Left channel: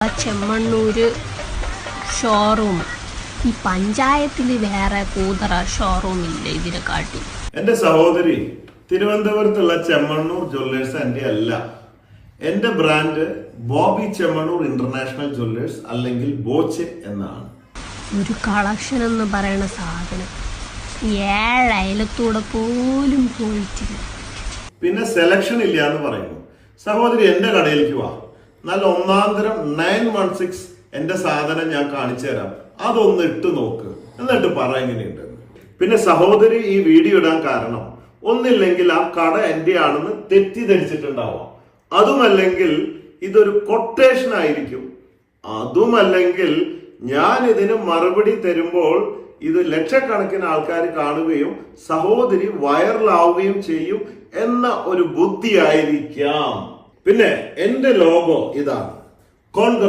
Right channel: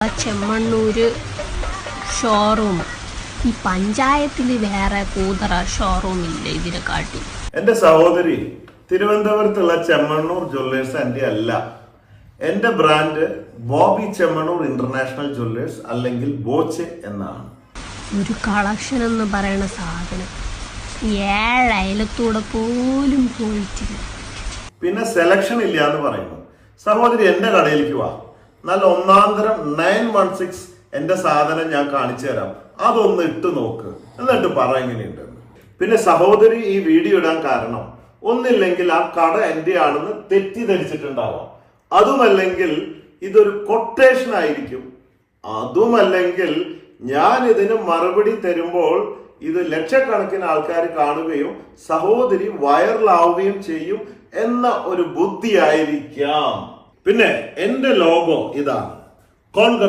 Chemmannur showroom ഈ പഞ്ചായത്തിൽ വേറെ കൂതറ ഷോറൂം ഇല്ല ഇതിനെ കാട്ടി. എന്റെ സഹോദരി, തിരുവനന്തപുരത്തുള്ള ചെമ്മണ്ണൂർ ജ്വല്ലേഴ്സ് എന്റെ അല്ല. എന്റെ brand Bobby Chemmanur international Jewellers അല്ലെങ്കിൽ ബോച്ചെ എന്നാണ്. ഒരു കളക്ഷൻ എന്ന് പറയുന്ന സാധനം 7 അയലത്തൂടെ പോലും പോയിട്ടില്ല. പിന്നെ സെലക്ഷൻ ഇല്ല എന്ന് പറയുന്നു. സഹോദരി, എന്റെ കടയിലേക്ക് വാ. നല്ല ഒന്നാന്തരം 916 എന്റെ സാധനം ഞാൻ കാണിച്ചു തരാം. അതൊന്ന് ഇട്ട് നോക്ക്, എന്നിട്ട് പറ എങ്ങനെയുണ്ട്. പിന്നെ സഹോദരി ഈ വീഡിയോ ഇടാൻ കാരണം ഒന്നില്ലെങ്കിൽ ആ കട എന്റെ ആണെന്ന് തെറ്റിദ്ധരിച്ചിട്ടുണ്ടാവാം, അതുമല്ലെങ്കിൽ ഇതൊരു കൊട്ടേഷൻ ആയിരിക്കും, അതുമല്ലെങ്കിൽ ഞാൻ ഇതിന് മറുപടി തരുമ്പോൾ ഇത് ലക്ഷക്കണക്കിന് ആൾക്കാർ കാണുകയും സഹോദരി വൈറലാവുകയും ചെയ്യും എന്ന ഒരു ബുദ്ധിയായിരിക്കാം. പിന്നെ എന്റെ ലോഗോ ഇതാണ്. കോൺകർ